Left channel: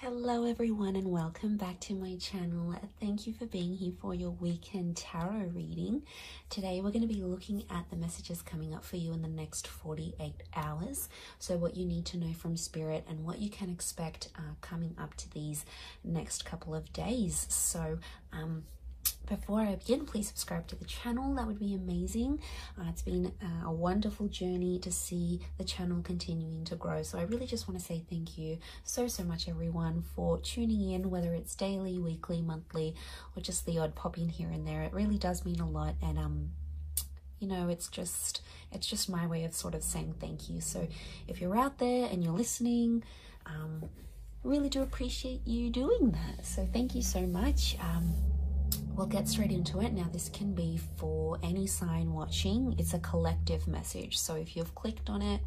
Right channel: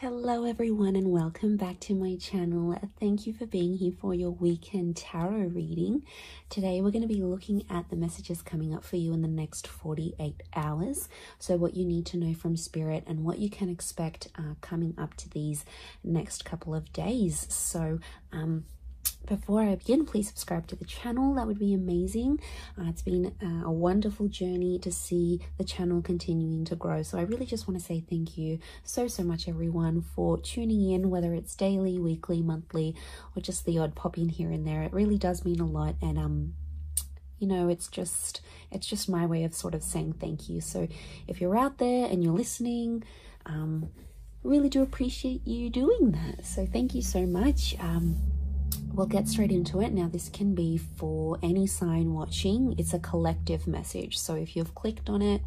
Hello everyone and welcome back to my channel. Thank you for being here for your weekend tarot reading. Today we're going to be looking at the messages coming up for you in the next 48 hours. So what you need to know from Spirit and what you can expect coming up to these next couple of days. So before I begin, please subscribe to the channel. That would be amazing. It's been a wonderful journey to see the channel continuing to grow. So I really just want to say thank you so much, everyone, for tuning in, whether it's daily, weekly, monthly, or just the odd pop in here and there. It really does mean a lot. And you know, it's just my way of sort of saying thank you. So if you're out there and you're listening, really do appreciate you doing that. So thank you so much. We'll get straight into it. Now, this can be for any sign watching. It's a collective message. So if you've clicked on it,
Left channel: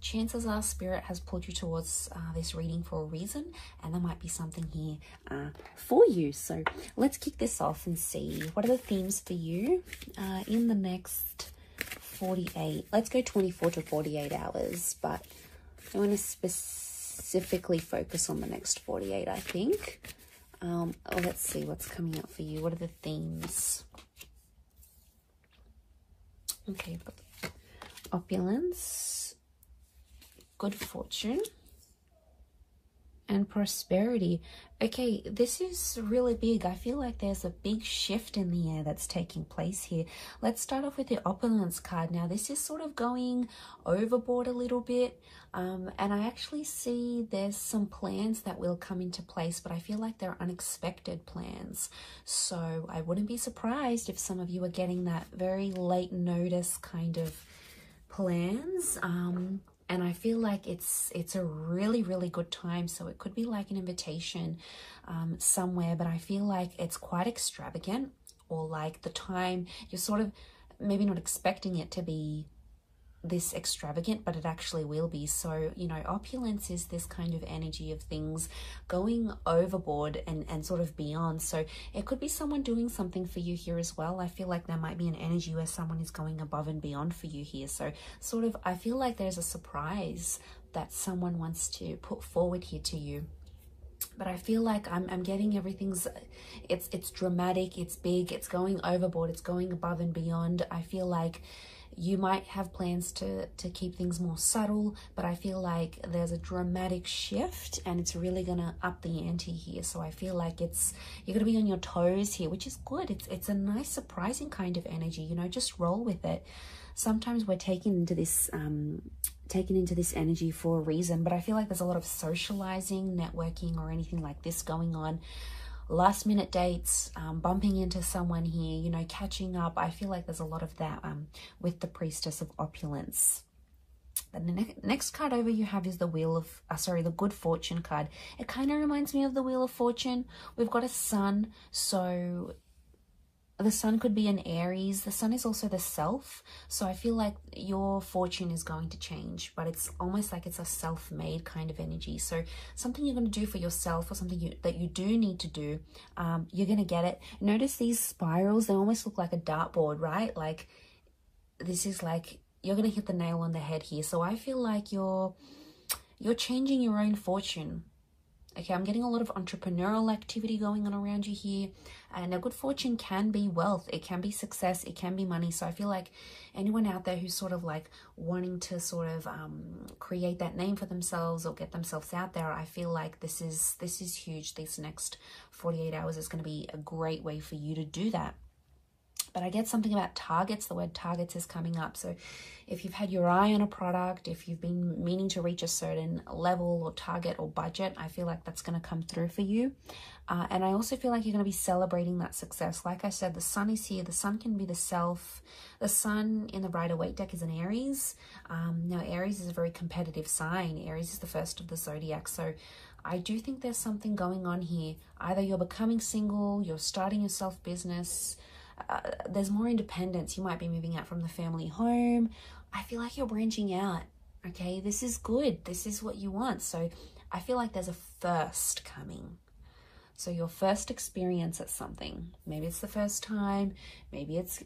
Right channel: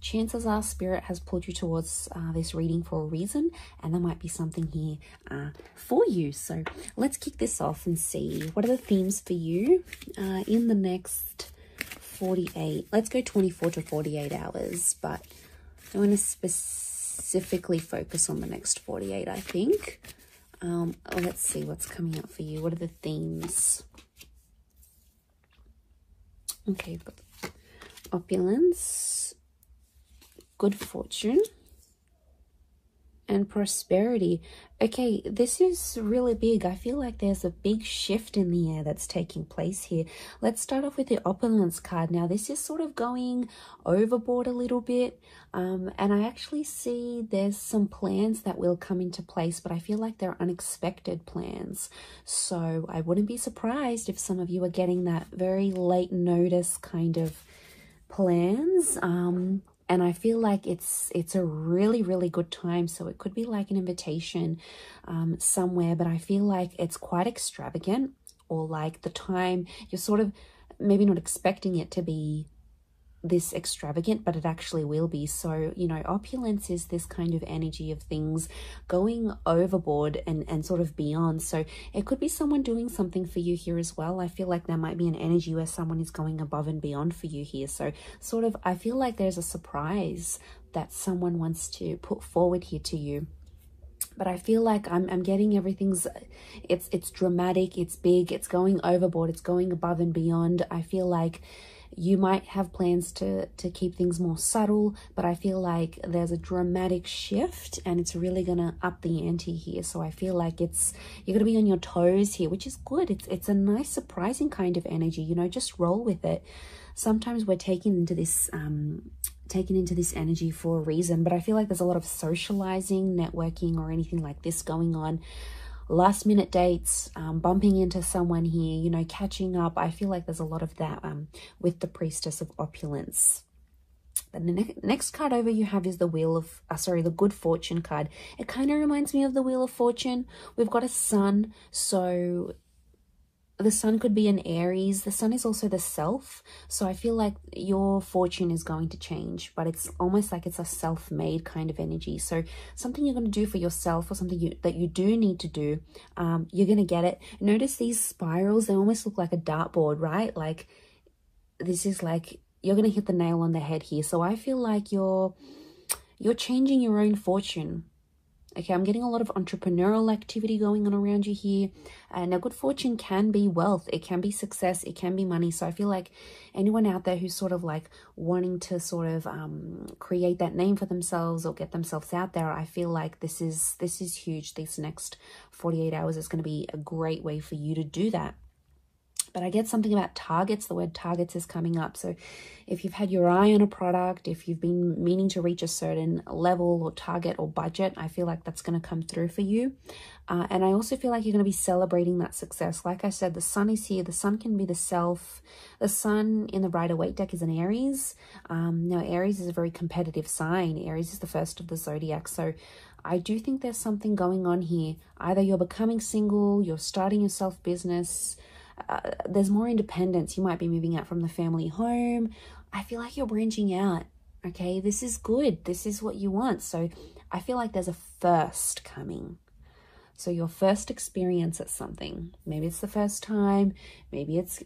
chances are Spirit has pulled you towards this reading for a reason, and there might be something here for you. So let's kick this off and see what are the themes for you in the next 48. Let's go 24 to 48 hours, but I want to specifically focus on the next 48, I think. Let's see what's coming up for you. What are the themes? Okay, opulence, good fortune, and prosperity. Okay, this is really big. I feel like there's a big shift in the air that's taking place here. Let's start off with the opulence card. Now, this is sort of going overboard a little bit. And I actually see there's some plans that will come into place, but I feel like they're unexpected plans. So I wouldn't be surprised if some of you are getting that very late notice kind of plans. And I feel like it's a really good time. So it could be like an invitation somewhere, but I feel like it's quite extravagant, or like the time you're sort of maybe not expecting it to be this extravagant, but it actually will be. So, you know, opulence is this kind of energy of things going overboard and sort of beyond. So it could be someone doing something for you here as well. I feel like there might be an energy where someone is going above and beyond for you here. So sort of, I feel like there's a surprise that someone wants to put forward here to you. But I feel like I'm getting everything's, it's dramatic, it's big, it's going overboard, it's going above and beyond. I feel like you might have plans to keep things more subtle, but I feel like there's a dramatic shift and it's really going to up the ante here. So I feel like you're going to be on your toes here, which is good. It's a nice, surprising kind of energy, you know, just roll with it. Sometimes we're taken into this energy for a reason, but I feel like there's a lot of socializing, networking, or anything like this going on. Last minute dates, bumping into someone here, you know, catching up. I feel like there's a lot of that with the Priestess of Opulence. And the next card over you have is the Wheel of, the Good Fortune card. It kind of reminds me of the Wheel of Fortune. We've got a sun, so the sun could be an Aries. The sun is also the self. So I feel like your fortune is going to change, but it's almost like it's a self-made kind of energy. So something you're going to do for yourself, or something that you do need to do, you're going to get it. Notice these spirals, they almost look like a dartboard, right? Like this is like, you're going to hit the nail on the head here. So I feel like you're changing your own fortune. Okay, I'm getting a lot of entrepreneurial activity going on around you here. Now, good fortune can be wealth. It can be success. It can be money. So I feel like anyone out there who's sort of like wanting to sort of create that name for themselves or get themselves out there, I feel like this is huge. These next 48 hours is going to be a great way for you to do that. But I get something about targets. The word targets is coming up. So if you've had your eye on a product, if you've been meaning to reach a certain level or target or budget, I feel like that's going to come through for you. And I also feel like you're going to be celebrating that success. Like I said, the sun is here. The sun can be the self. The sun in the Rider-Waite deck is an Aries. Now, Aries is a very competitive sign. Aries is the first of the zodiac. So I do think there's something going on here. Either you're becoming single, you're starting your self-business, there's more independence. You might be moving out from the family home. I feel like you're branching out. Okay, this is good. This is what you want. So I feel like there's a first coming. So your first experience at something, maybe it's the first time, maybe it's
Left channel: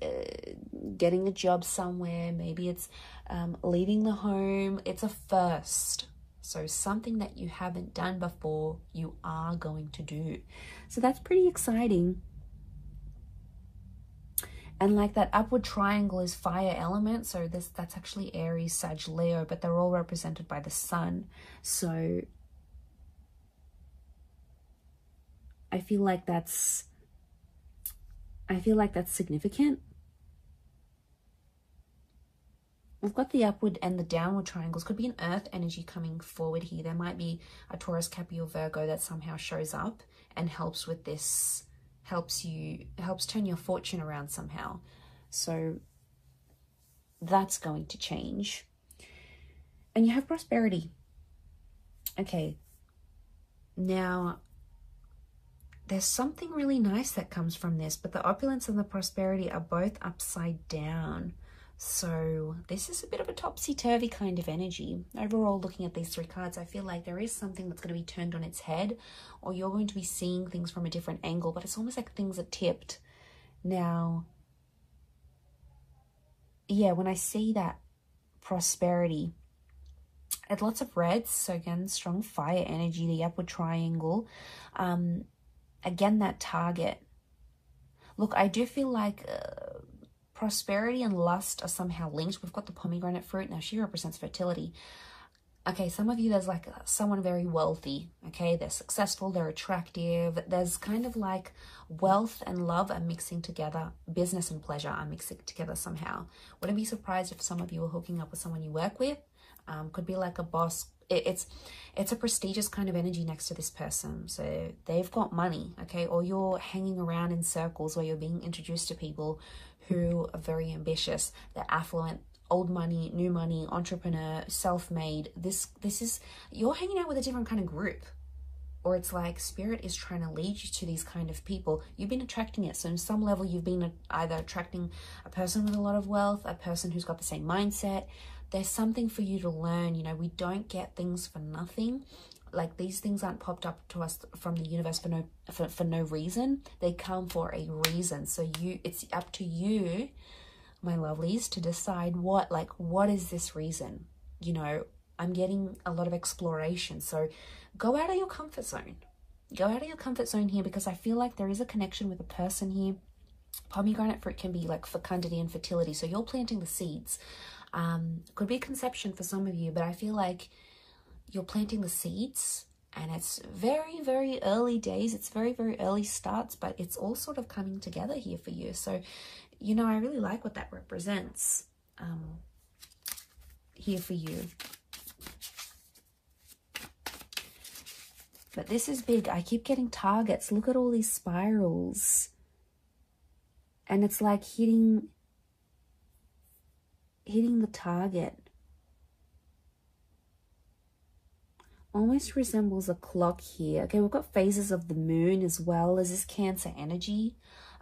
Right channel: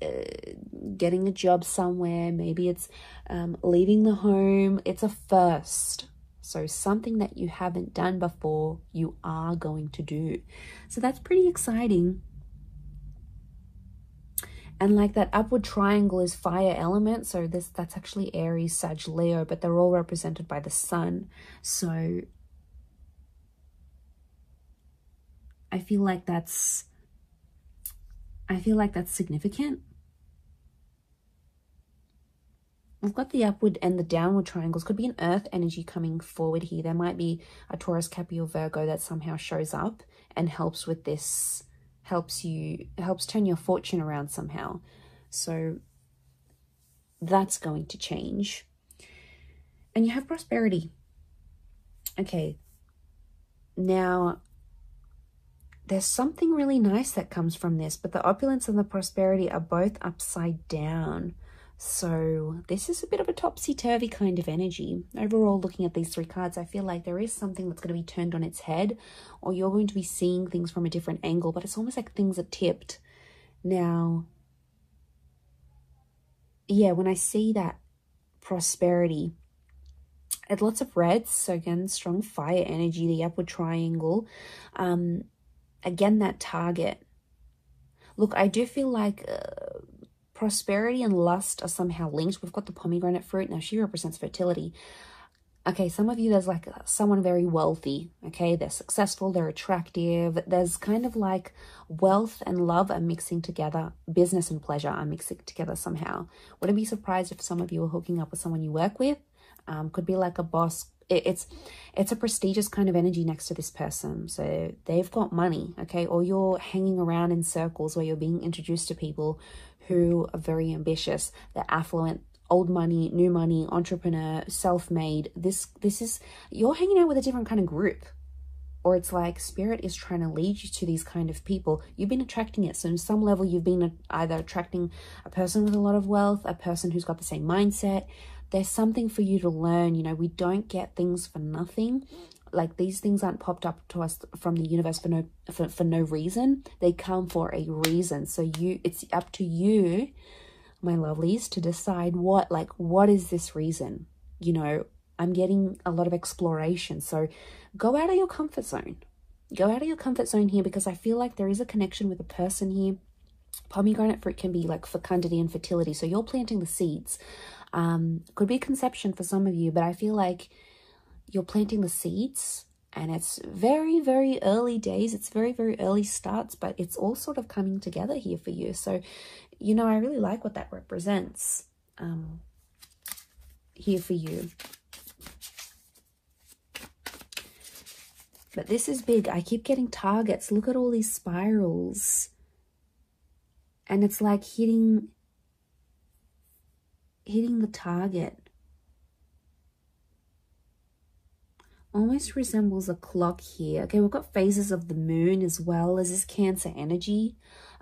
getting a job somewhere, maybe it's leaving the home. It's a first. So something that you haven't done before, you are going to do. So that's pretty exciting. And like that upward triangle is fire element. So that's actually Aries, Sag, Leo, but they're all represented by the sun. So I feel like that's significant. We've got the upward and the downward triangles. Could be an earth energy coming forward here. There might be a Taurus, Capricorn, Virgo that somehow shows up and helps with this, helps turn your fortune around somehow. So that's going to change. And you have prosperity. Okay. Now, there's something really nice that comes from this, but the opulence and the prosperity are both upside down. So this is a bit of a topsy-turvy kind of energy. Overall, looking at these three cards, I feel like there is something that's going to be turned on its head, or you're going to be seeing things from a different angle, but it's almost like things are tipped. Now, yeah, when I see that prosperity, it's lots of reds. So again, strong fire energy, the upward triangle. Again, that target. Look, I do feel like prosperity and lust are somehow linked. We've got the pomegranate fruit. Now, she represents fertility. Okay, some of you, there's like someone very wealthy. Okay, they're successful, they're attractive. There's kind of like wealth and love are mixing together. Business and pleasure are mixing together somehow. Wouldn't be surprised if some of you are hooking up with someone you work with. Could be like a boss. It's a prestigious kind of energy next to this person. So they've got money, okay? Or you're hanging around in circles where you're being introduced to people who are very ambitious. They're affluent, old money, new money, entrepreneur, self-made. This is, you're hanging out with a different kind of group. Or it's like spirit is trying to lead you to these kind of people. You've been attracting it. So in some level, you've been either attracting a person with a lot of wealth, a person who's got the same mindset. There's something for you to learn. You know, we don't get things for nothing. Like, these things aren't popped up to us from the universe for no reason. They come for a reason. So it's up to you, my lovelies, to decide what is this reason? You know, I'm getting a lot of exploration. So go out of your comfort zone. Go out of your comfort zone here, because I feel like there is a connection with a person here. Pomegranate fruit can be like fecundity and fertility. So you're planting the seeds. Could be conception for some of you, but I feel like you're planting the seeds, and it's very, very early days. It's very, very early starts, but it's all sort of coming together here for you. So, you know, I really like what that represents here for you. But this is big. I keep getting targets. Look at all these spirals. And it's like hitting the target. Almost resembles a clock here. Okay, we've got phases of the moon as well as this Cancer energy.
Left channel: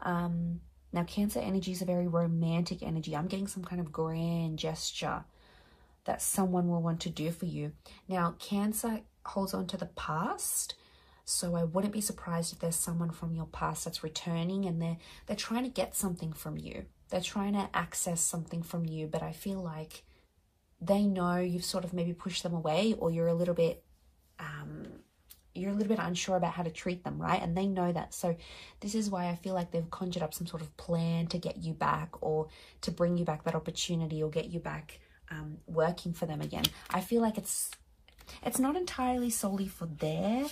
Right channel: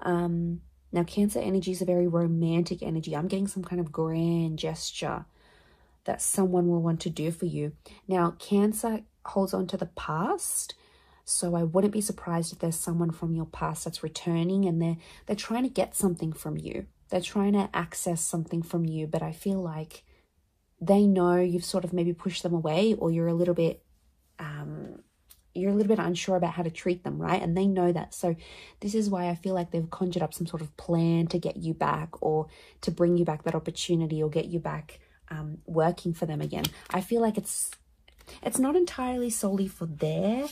Now, Cancer energy is a very romantic energy. I'm getting some kind of grand gesture that someone will want to do for you. Now, Cancer holds on to the past. So I wouldn't be surprised if there's someone from your past that's returning, and they're trying to get something from you. They're trying to access something from you, but I feel like they know you've sort of maybe pushed them away, or you're a little bit unsure about how to treat them, right? And they know that. So this is why I feel like they've conjured up some sort of plan to get you back, or to bring you back that opportunity, or get you back working for them again. I feel like it's not entirely solely for their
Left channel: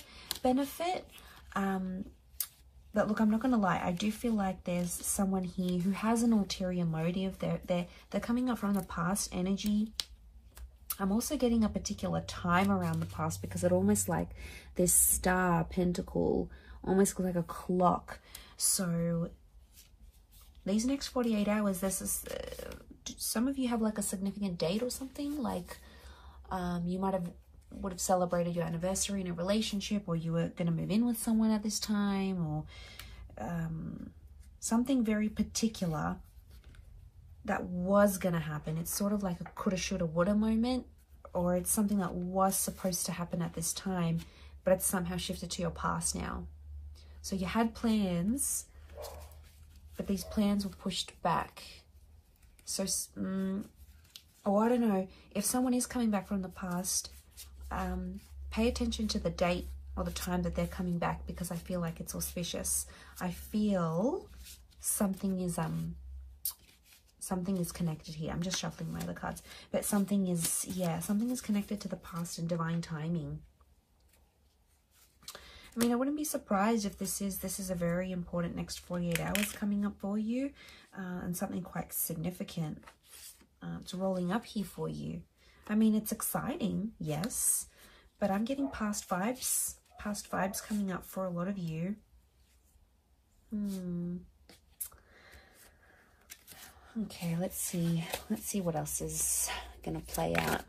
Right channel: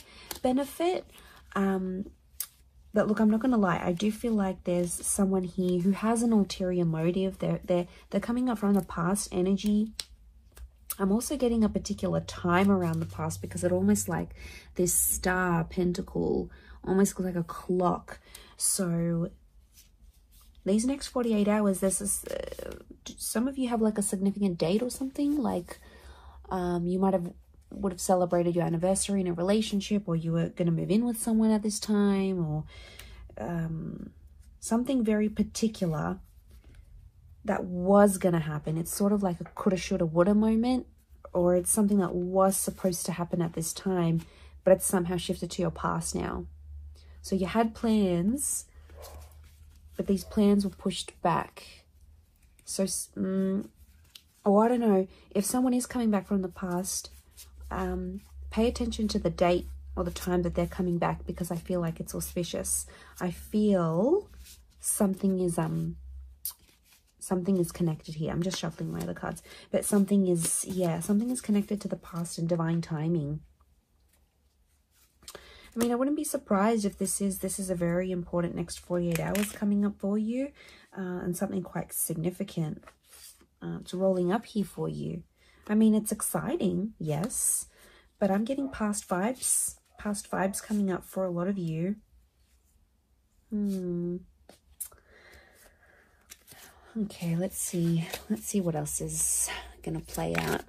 benefit. But look, I'm not going to lie. I do feel like there's someone here who has an ulterior motive. They're coming up from the past energy. I'm also getting a particular time around the past, because it almost like this star pentacle almost looks like a clock. So these next 48 hours, there's this, some of you have like a significant date or something. Like you would have celebrated your anniversary in a relationship, or you were going to move in with someone at this time, or something very particular that was going to happen. It's sort of like a coulda, shoulda, woulda moment, or it's something that was supposed to happen at this time, but it's somehow shifted to your past now. So you had plans, but these plans were pushed back. So, or I don't know, if someone is coming back from the past, pay attention to the date or the time that they're coming back, because I feel like it's auspicious. I feel something is connected here. I'm just shuffling my other cards, but something is, yeah, something is connected to the past and divine timing. I mean, I wouldn't be surprised if this is a very important next 48 hours coming up for you, and something quite significant it's rolling up here for you. I mean, it's exciting, yes, but I'm getting past vibes coming up for a lot of you. Okay, let's see what else is gonna play out.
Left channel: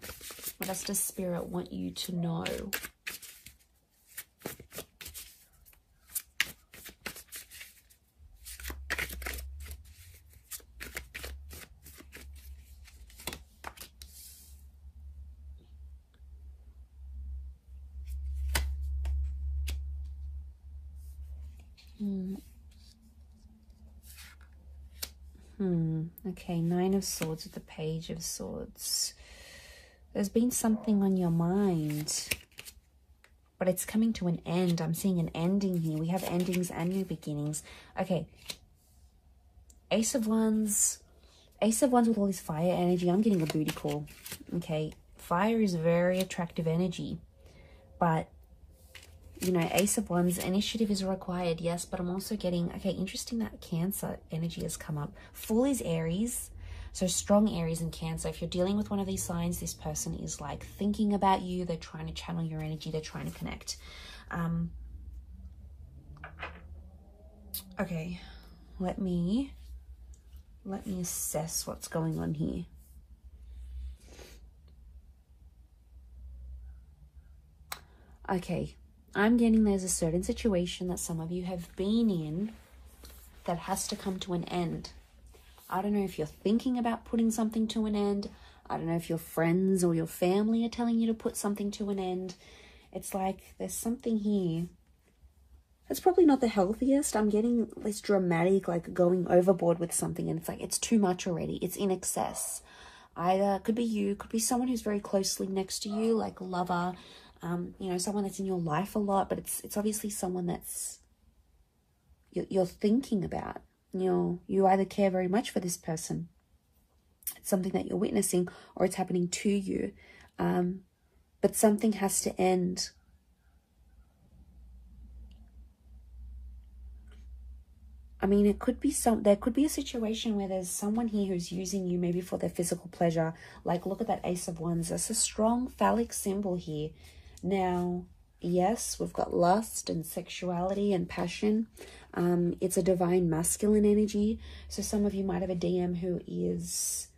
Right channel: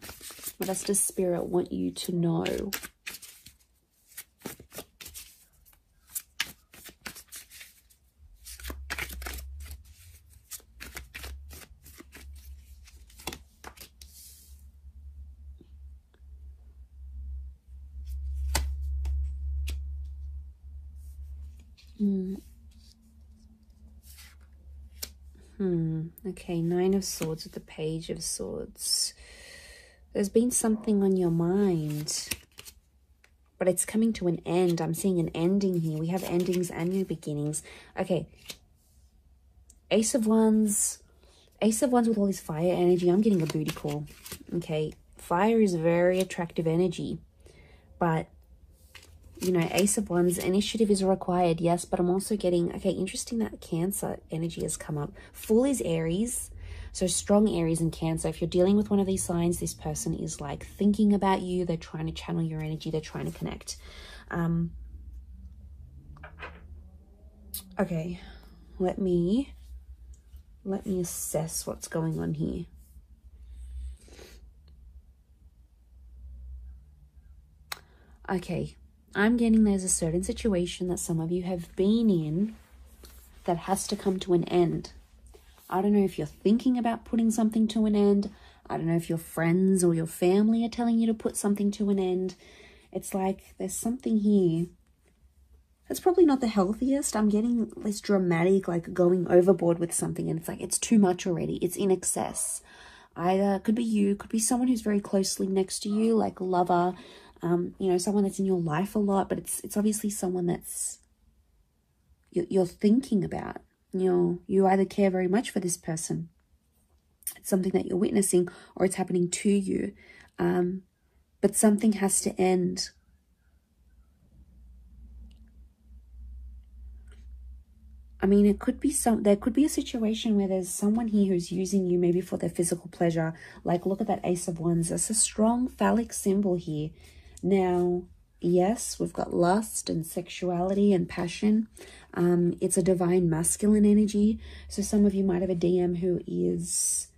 What else does Spirit want you to know? Okay, Nine of Swords with the Page of Swords. There's been something on your mind, but it's coming to an end. I'm seeing an ending here. We have endings and new beginnings. Okay, Ace of Wands with all this fire energy. I'm getting a booty call. Okay, fire is very attractive energy, but you know, Ace of Wands, initiative is required, yes, but I'm also getting, okay, interesting that Cancer energy has come up. Fool is Aries, so strong Aries and Cancer. If you're dealing with one of these signs, this person is like thinking about you. They're trying to channel your energy. They're trying to connect. Okay, let me assess what's going on here. Okay. I'm getting there's a certain situation that some of you have been in that has to come to an end. I don't know if you're thinking about putting something to an end. I don't know if your friends or your family are telling you to put something to an end. It's like there's something here. It's probably not the healthiest. I'm getting this dramatic, like going overboard with something, and it's like it's too much already. It's in excess. Either could be you, could be someone who's very closely next to you, like a lover, you know, someone that's in your life a lot, but it's obviously someone that's you're thinking about. You either care very much for this person, it's something that you're witnessing, or it's happening to you, but something has to end. I mean, it could be there could be a situation where there's someone here who's using you maybe for their physical pleasure. Like, look at that Ace of Wands. There's a strong phallic symbol here. Now, yes, we've got lust and sexuality and passion. It's a divine masculine energy. So some of you might have a DM who is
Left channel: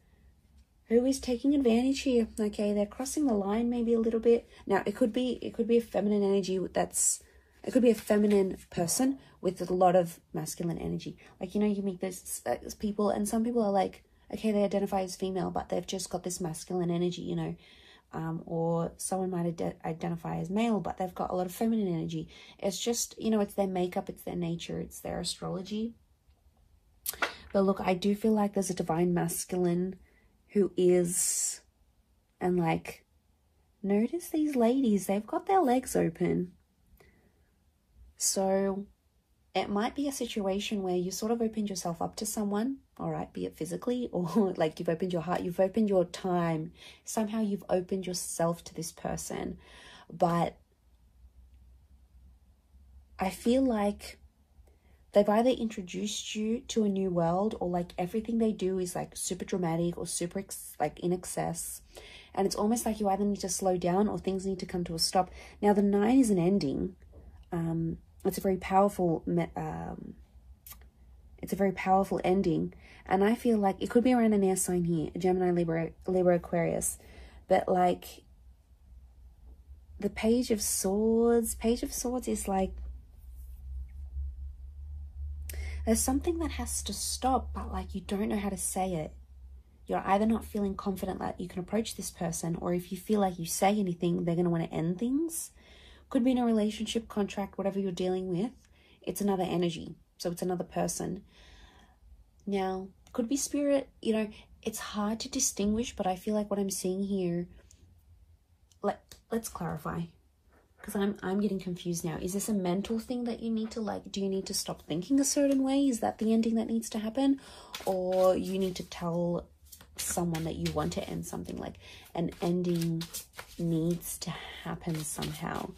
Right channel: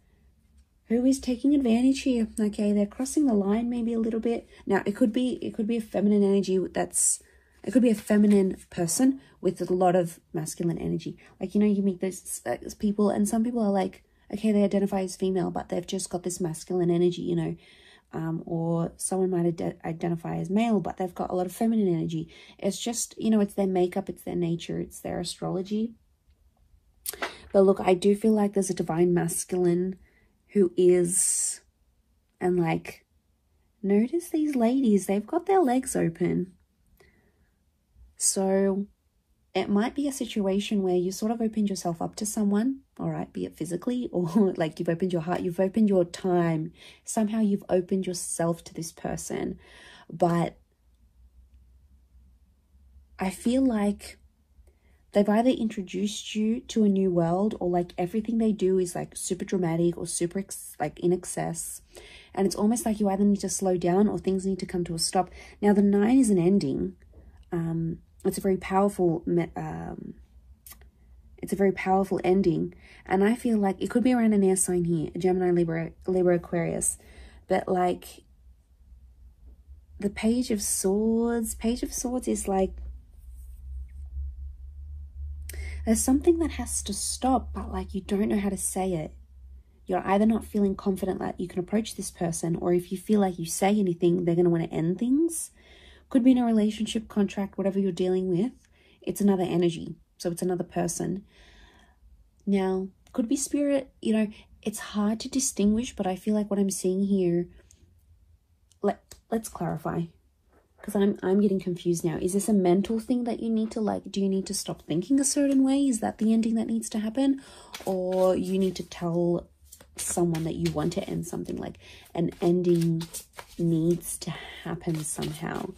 taking advantage here. Okay, they're crossing the line maybe a little bit. Now, it could be a feminine energy it could be a feminine person with a lot of masculine energy. Like, you know, you meet those people, and some people are like, okay, they identify as female, but they've just got this masculine energy, you know. Or someone might identify as male, but they've got a lot of feminine energy. It's just, you know, it's their makeup, it's their nature, it's their astrology. But look, I do feel like there's a divine masculine who is, and like, notice these ladies, they've got their legs open. So it might be a situation where you sort of opened yourself up to someone, all right, be it physically or like you've opened your heart, you've opened your time. Somehow you've opened yourself to this person. But I feel like they've either introduced you to a new world, or like everything they do is like super dramatic or super like in excess. And it's almost like you either need to slow down or things need to come to a stop. Now, the 9 is an ending. It's a very powerful ending, and I feel like it could be around an air sign here, Gemini, Libra, Aquarius, but like the Page of Swords is like there's something that has to stop, but like you don't know how to say it. You're either not feeling confident that you can approach this person, or if you feel like you say anything, they're going to want to end things. Could be in a relationship, contract, whatever you're dealing with. It's another energy. So it's another person. Now, could be spirit. You know, it's hard to distinguish, but I feel like what I'm seeing here, let's clarify, because I'm getting confused now. Is this a mental thing that you need to, like, do you need to stop thinking a certain way? Is that the ending that needs to happen? Or you need to tell someone that you want to end something, like an ending needs to happen somehow.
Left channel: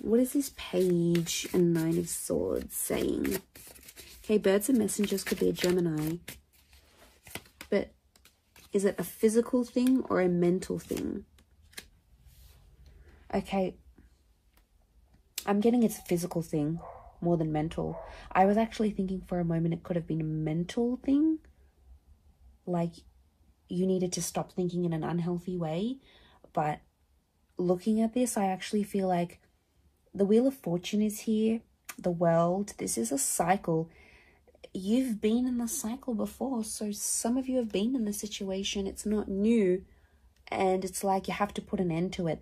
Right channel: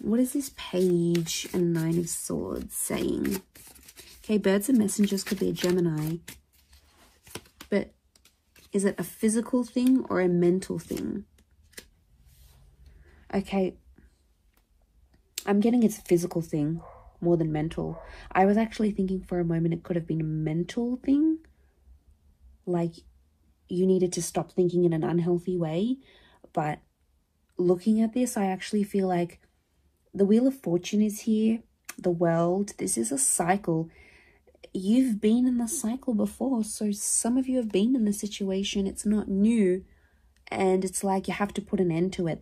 What is this Page and Nine of Swords saying? Okay, birds and messengers could be a Gemini. But is it a physical thing or a mental thing? Okay, I'm getting it's a physical thing more than mental. I was actually thinking for a moment it could have been a mental thing. Like you needed to stop thinking in an unhealthy way. But looking at this, I actually feel like the Wheel of Fortune is here. The World. This is a cycle. You've been in the cycle before. So some of you have been in the situation. It's not new. And it's like you have to put an end to it.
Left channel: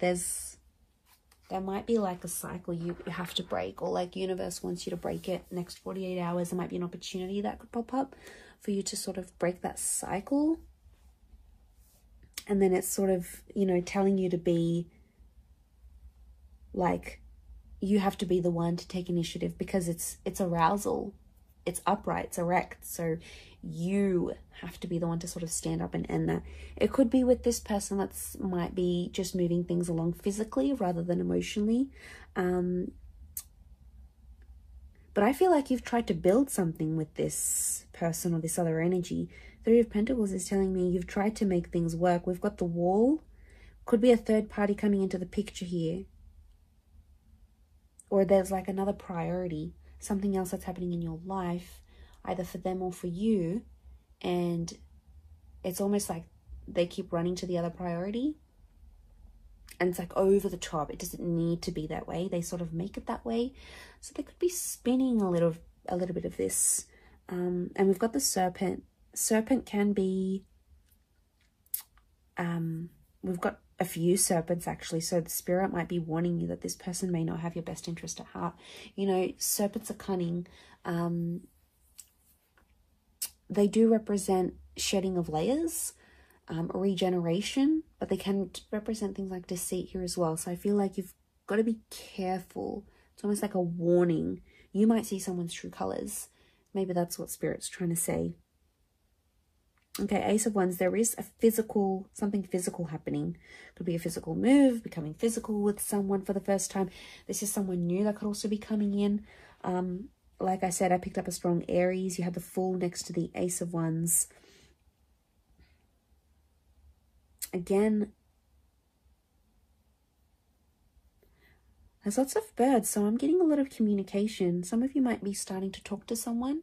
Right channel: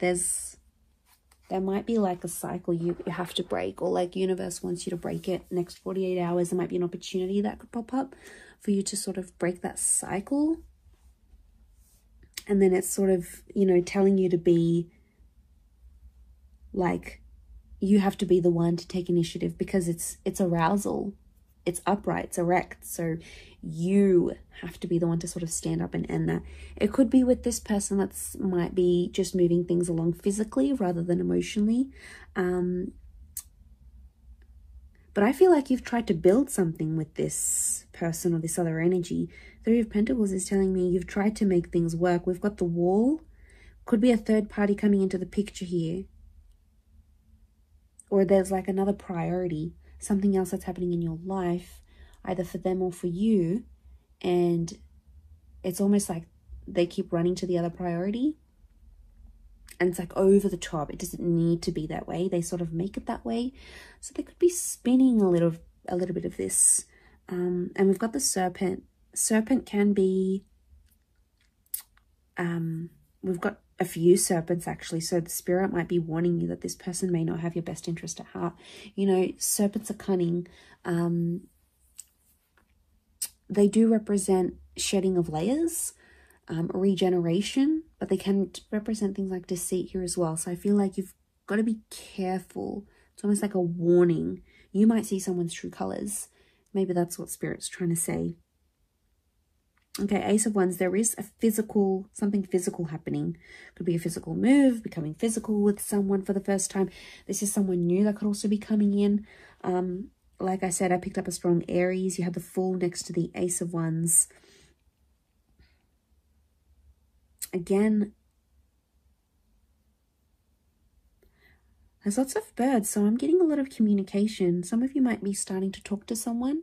There might be like a cycle you have to break, or like universe wants you to break it next 48 hours. There might be an opportunity that could pop up for you to sort of break that cycle. And then it's sort of, you know, telling you to be like, you have to be the one to take initiative, because it's arousal. It's upright, it's erect. So you have to be the one to sort of stand up and end that. It could be with this person that's might be just moving things along physically rather than emotionally. But I feel like you've tried to build something with this person or this other energy. Three of Pentacles is telling me you've tried to make things work. We've got the Wall. Could be a third party coming into the picture here. Or there's like another priority. Something else that's happening in your life, either for them or for you, and it's almost like they keep running to the other priority, and it's like over the top. It doesn't need to be that way. They sort of make it that way, so they could be spinning a little bit of this. And we've got the Serpent. Serpent can be we've got a few serpents actually, so the spirit might be warning you that this person may not have your best interest at heart. You know, serpents are cunning. They do represent shedding of layers, regeneration, but they can represent things like deceit here as well. So I feel like you've got to be careful. It's almost like a warning. You might see someone's true colors. Maybe that's what spirit's trying to say. Okay, Ace of Wands, there is a physical, something physical happening. Could be a physical move, becoming physical with someone for the first time. This is someone new that could also be coming in. Like I said, I picked up a strong Aries. You have the Fool next to the Ace of Wands. Again, there's lots of birds, so I'm getting a lot of communication. Some of you might be starting to talk to someone,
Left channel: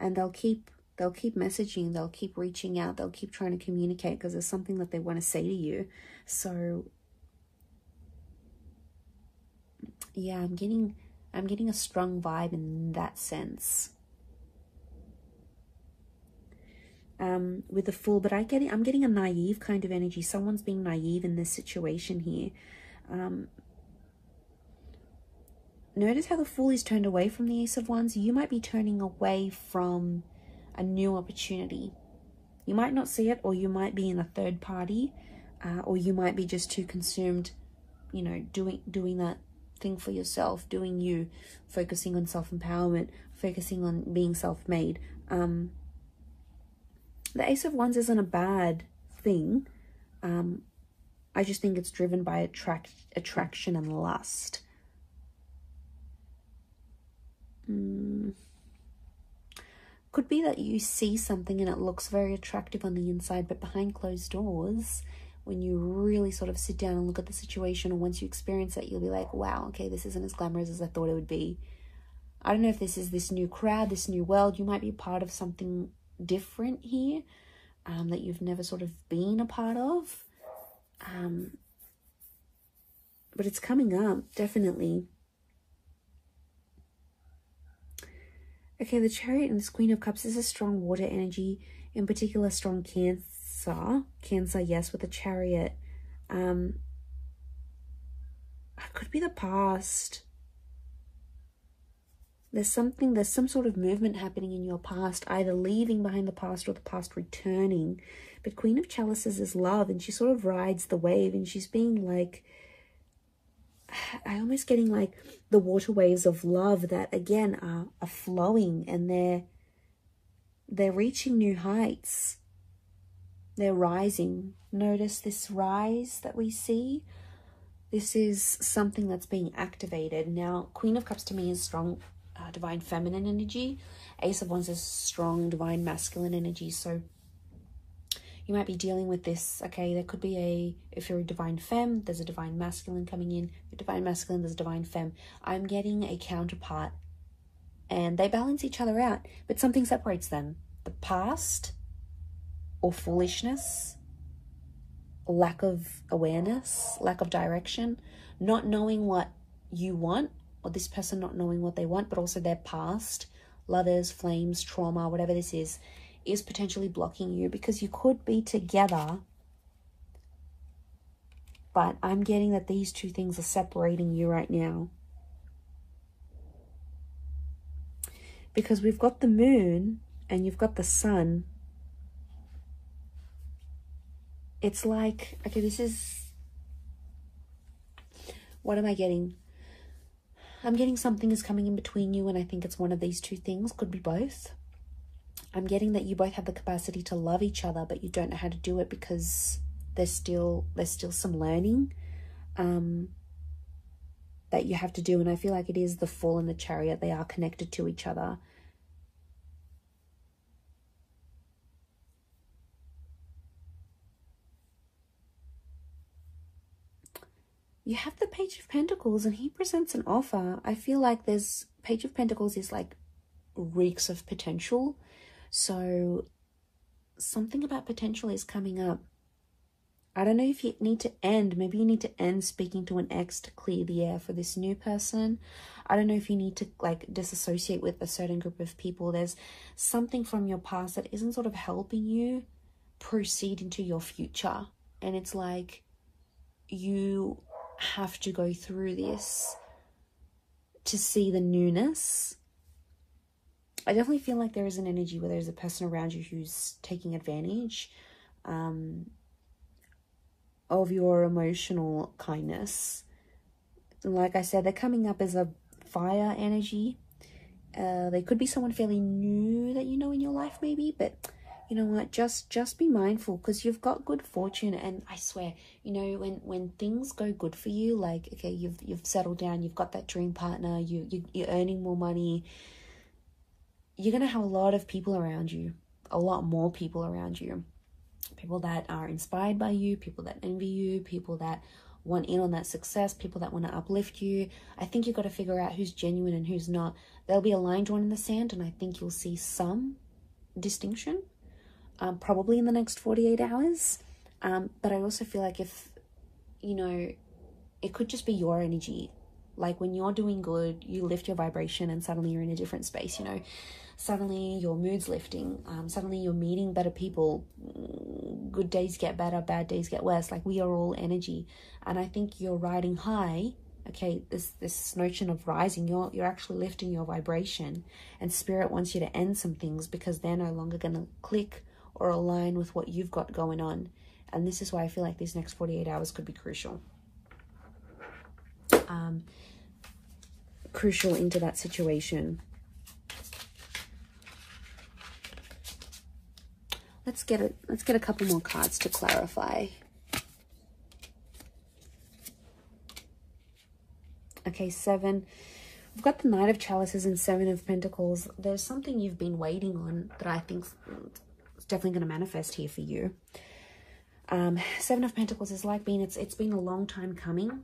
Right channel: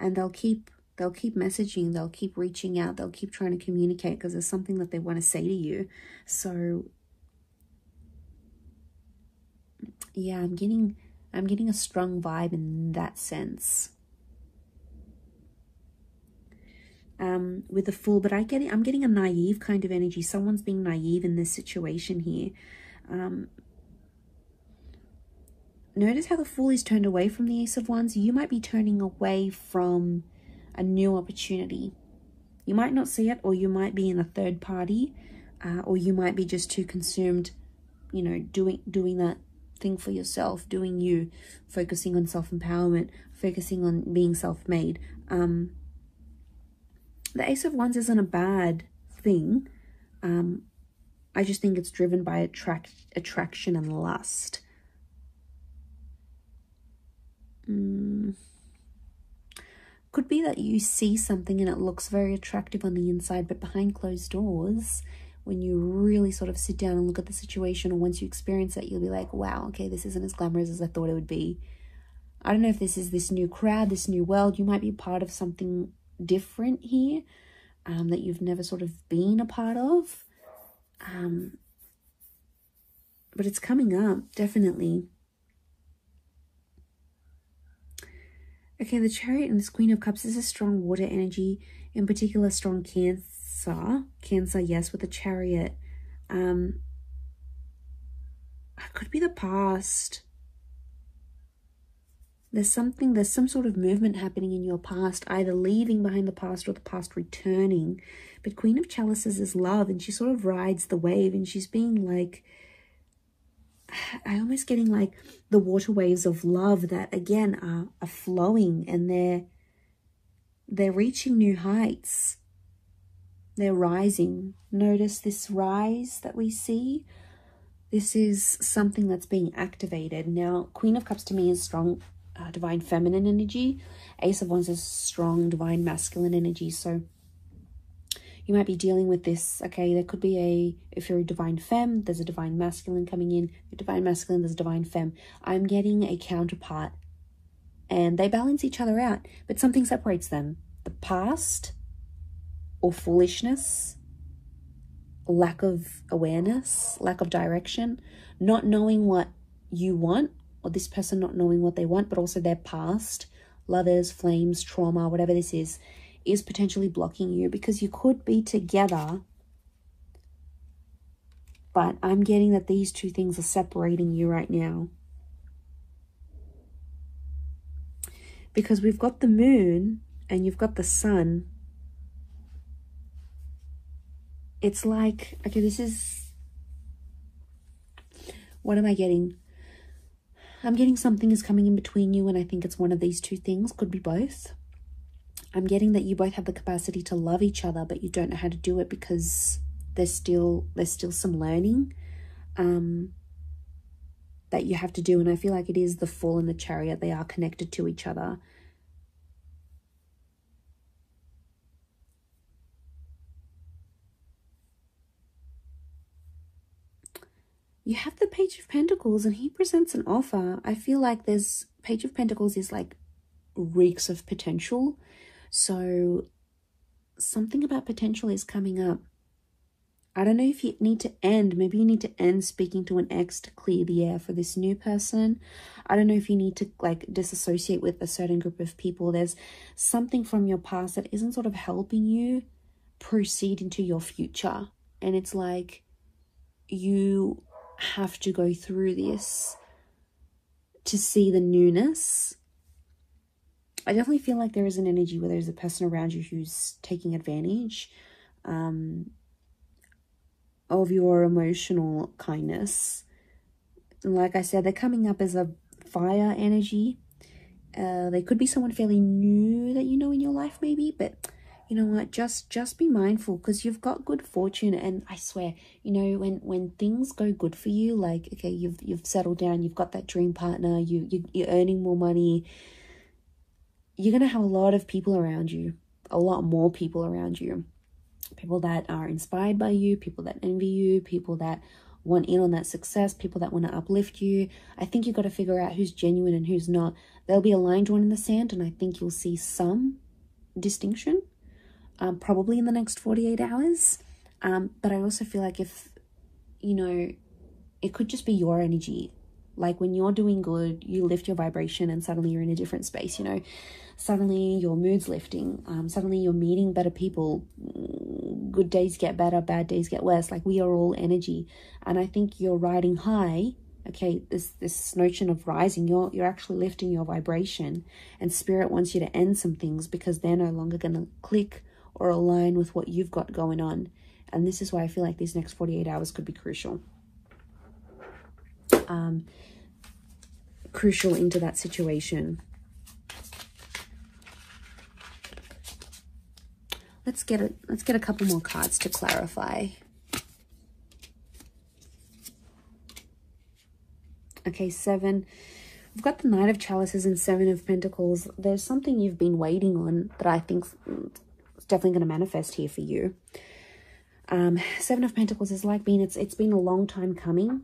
and they'll keep messaging, they'll keep reaching out, they'll keep trying to communicate because there's something that they want to say to you. So yeah, I'm getting a strong vibe in that sense. With the Fool, but I'm getting a naive kind of energy. Someone's being naive in this situation here. Notice how the Fool is turned away from the Ace of Wands. You might be turning away from a new opportunity. You might not see it, or you might be in a third party, or you might be just too consumed, you know, doing that thing for yourself, doing you, focusing on self-empowerment, focusing on being self-made. The Ace of Wands isn't a bad thing. I just think it's driven by attraction and lust. Could be that you see something and it looks very attractive on the inside, but behind closed doors, when you really sort of sit down and look at the situation, or once you experience it, you'll be like, wow, okay, this isn't as glamorous as I thought it would be. I don't know if this is this new crowd, this new world. You might be part of something different here that you've never sort of been a part of. But it's coming up, definitely. Okay, the Chariot and this Queen of Cups is a strong water energy, in particular strong Cancer. Cancer, yes, with the Chariot. It could be the past. There's some sort of movement happening in your past, either leaving behind the past or the past returning. But Queen of Chalices is love, and she sort of rides the wave, and she's being like, I'm almost getting like the water waves of love that again are flowing, and they're reaching new heights. They're rising. Notice this rise that we see. This is something that's being activated. Now, Queen of Cups to me is strong divine feminine energy. Ace of Wands is strong divine masculine energy. So you might be dealing with this. Okay, there could be if you're a divine femme, there's a divine masculine coming in. If you're divine masculine, there's a divine femme. I'm getting a counterpart, and they balance each other out, but something separates them. The past, or foolishness, lack of awareness, lack of direction, not knowing what you want, or this person not knowing what they want, but also their past, lovers, flames, trauma, whatever this is potentially blocking you, because you could be together, but I'm getting that these two things are separating you right now. Because we've got the moon and you've got the sun. It's like, okay, this is, what am I getting? I'm getting something is coming in between you, and I think it's one of these two things, could be both. I'm getting that you both have the capacity to love each other, but you don't know how to do it because there's still some learning that you have to do. And I feel like it is the Fool and the Chariot. They are connected to each other. You have the Page of Pentacles, and he presents an offer. I feel like there's Page of Pentacles is like reeks of potential. So something about potential is coming up. I don't know if you need to end. Maybe you need to end speaking to an ex to clear the air for this new person. I don't know if you need to like disassociate with a certain group of people. There's something from your past that isn't sort of helping you proceed into your future. And it's like you have to go through this to see the newness. I definitely feel like there is an energy where there's a person around you who's taking advantage of your emotional kindness. Like I said, they're coming up as a fire energy. They could be someone fairly new that you know in your life maybe, but you know what, just be mindful, because you've got good fortune. And I swear, you know, when things go good for you, like, okay, you've settled down, you've got that dream partner, you're earning more money, you're going to have a lot of people around you, a lot more people around you. People that are inspired by you, people that envy you, people that want in on that success, people that want to uplift you. I think you've got to figure out who's genuine and who's not. There'll be a line drawn in the sand, and I think you'll see some distinction, probably in the next 48 hours. But I also feel like if, you know, it could just be your energy. Like when you're doing good, you lift your vibration and suddenly you're in a different space, you know. Suddenly your mood's lifting. Suddenly you're meeting better people. Good days get better, bad days get worse. Like we are all energy. And I think you're riding high. Okay, this notion of rising, you're actually lifting your vibration. And Spirit wants you to end some things because they're no longer going to click or align with what you've got going on. And this is why I feel like these next 48 hours could be crucial. Crucial into that situation. Let's get a couple more cards to clarify. Okay, 7. We've got the Knight of Chalices and 7 of Pentacles. There's something you've been waiting on that I think is definitely going to manifest here for you. 7 of Pentacles is like it's been a long time coming.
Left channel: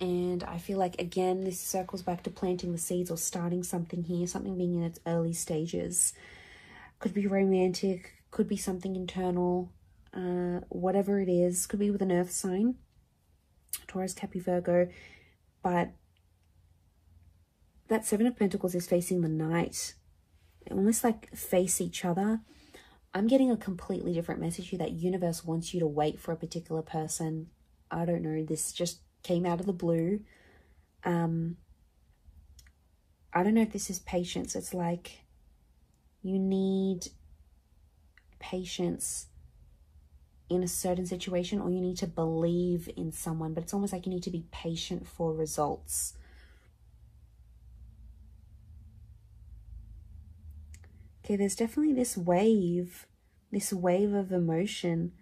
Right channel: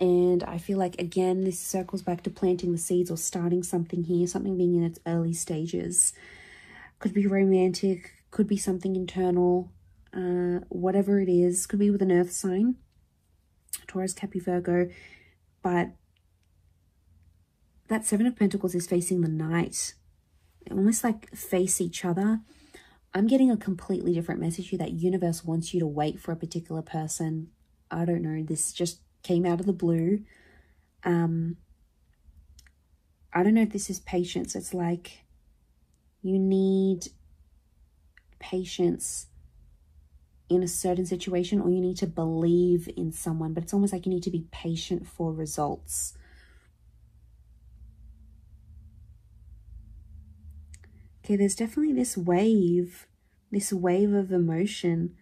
And I feel like, again, this circles back to planting the seeds or starting something here, something being in its early stages. Could be romantic, could be something internal, whatever it is. Could be with an earth sign, Taurus, Capricorn, Virgo. But that 7 of Pentacles is facing the Knight. They almost like face each other. I'm getting a completely different message here, that universe wants you to wait for a particular person. I don't know, this just came out of the blue. I don't know if this is patience. It's like you need patience in a certain situation, or you need to believe in someone, but it's almost like you need to be patient for results. Okay, there's definitely this wave of emotion.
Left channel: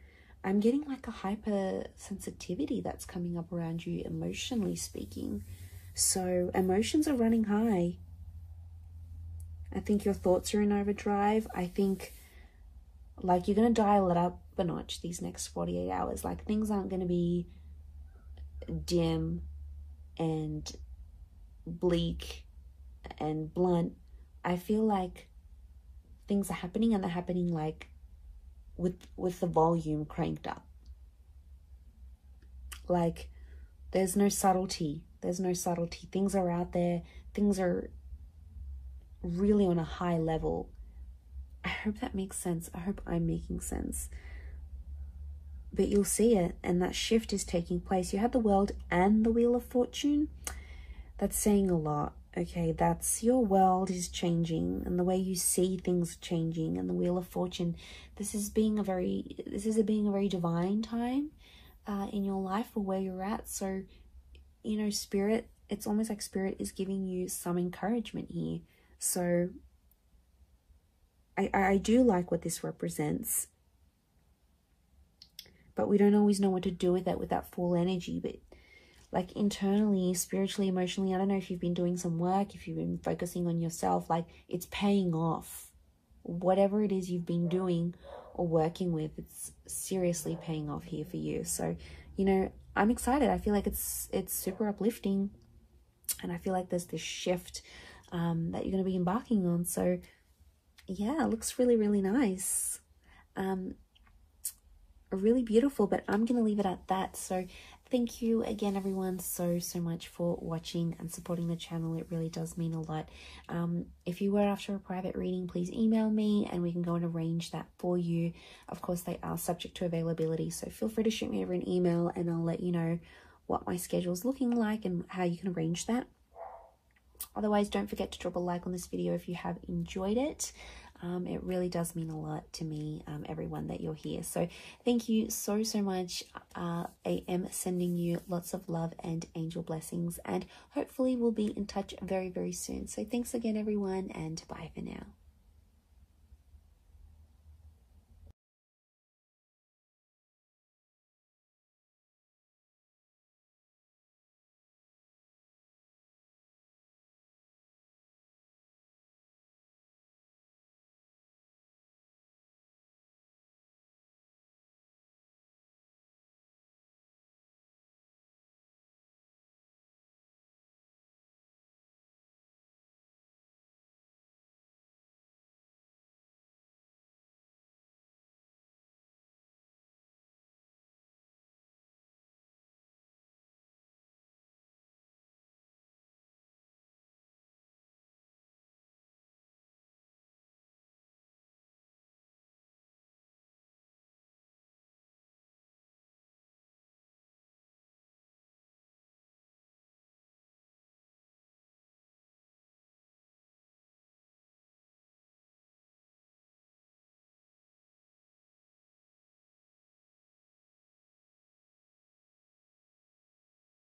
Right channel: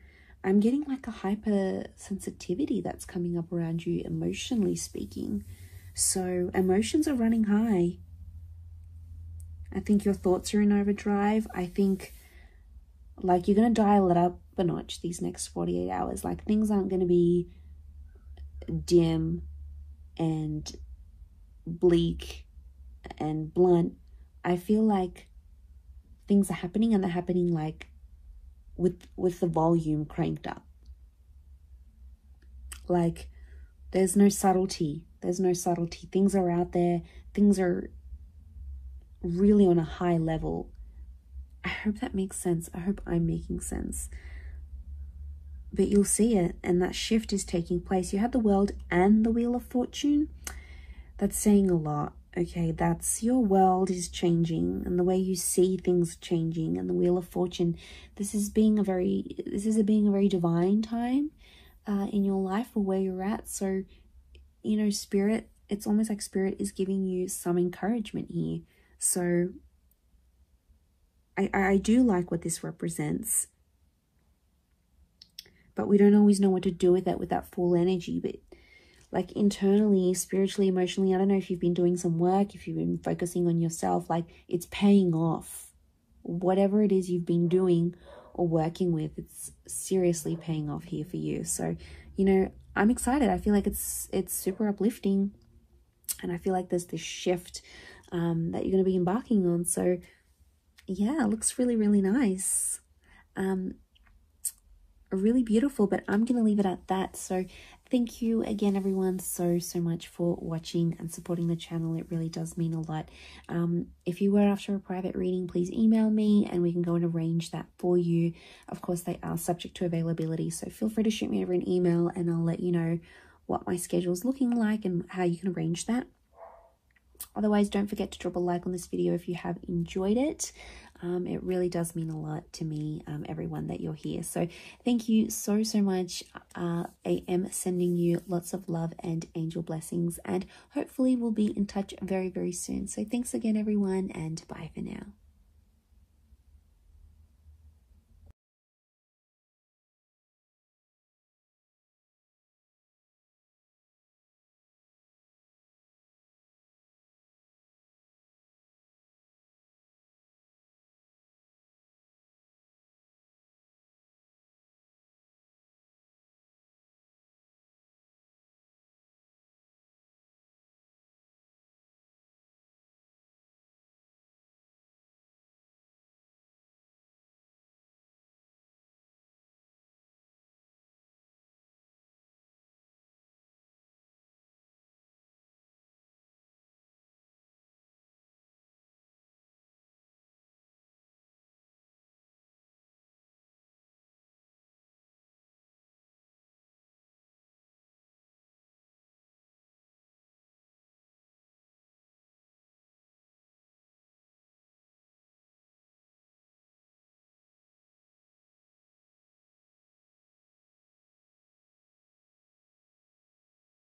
I'm getting like a hypersensitivity that's coming up around you, emotionally speaking. So emotions are running high. I think your thoughts are in overdrive. I think like you're going to dial it up a notch these next 48 hours. Like things aren't going to be dim and bleak and blunt. I feel like things are happening, and they're happening like with the volume cranked up. Like there's no subtlety. There's no subtlety. Things are out there. Things are really on a high level. I hope that makes sense. I hope I'm making sense. But you'll see it, and that shift is taking place. You have the World and the Wheel of Fortune. That's saying a lot. Okay, that's your world is changing, and the way you see things changing, and the Wheel of Fortune. This is being a very divine time in your life, or where you're at. So, you know, Spirit, it's almost like Spirit is giving you some encouragement here. So I do like what this represents, but we don't always know what to do with that full energy. But like internally, spiritually, emotionally, I don't know if you've been doing some work, if you've been focusing on yourself, like it's paying off. Whatever it is you've been doing or working with, it's seriously paying off here for you. So, you know, I'm excited. I feel like it's super uplifting, and I feel like there's this shift that you're going to be embarking on. So yeah, it looks really, really nice. Really beautiful, but I'm going to leave it at that. So thank you again, everyone, so much for watching and supporting the channel. It really does mean a lot. If you were after a private reading, please email me and we can go and arrange that for you. Of course, they are subject to availability, so feel free to shoot me over an email and I'll let you know what my schedule is looking like and how you can arrange that. Otherwise, don't forget to drop a like on this video if you have enjoyed it. It really does mean a lot to me, everyone, that you're here. So thank you so much. I am sending you lots of love and angel blessings, and hopefully we'll be in touch very, very soon. So thanks again, everyone, and bye for now.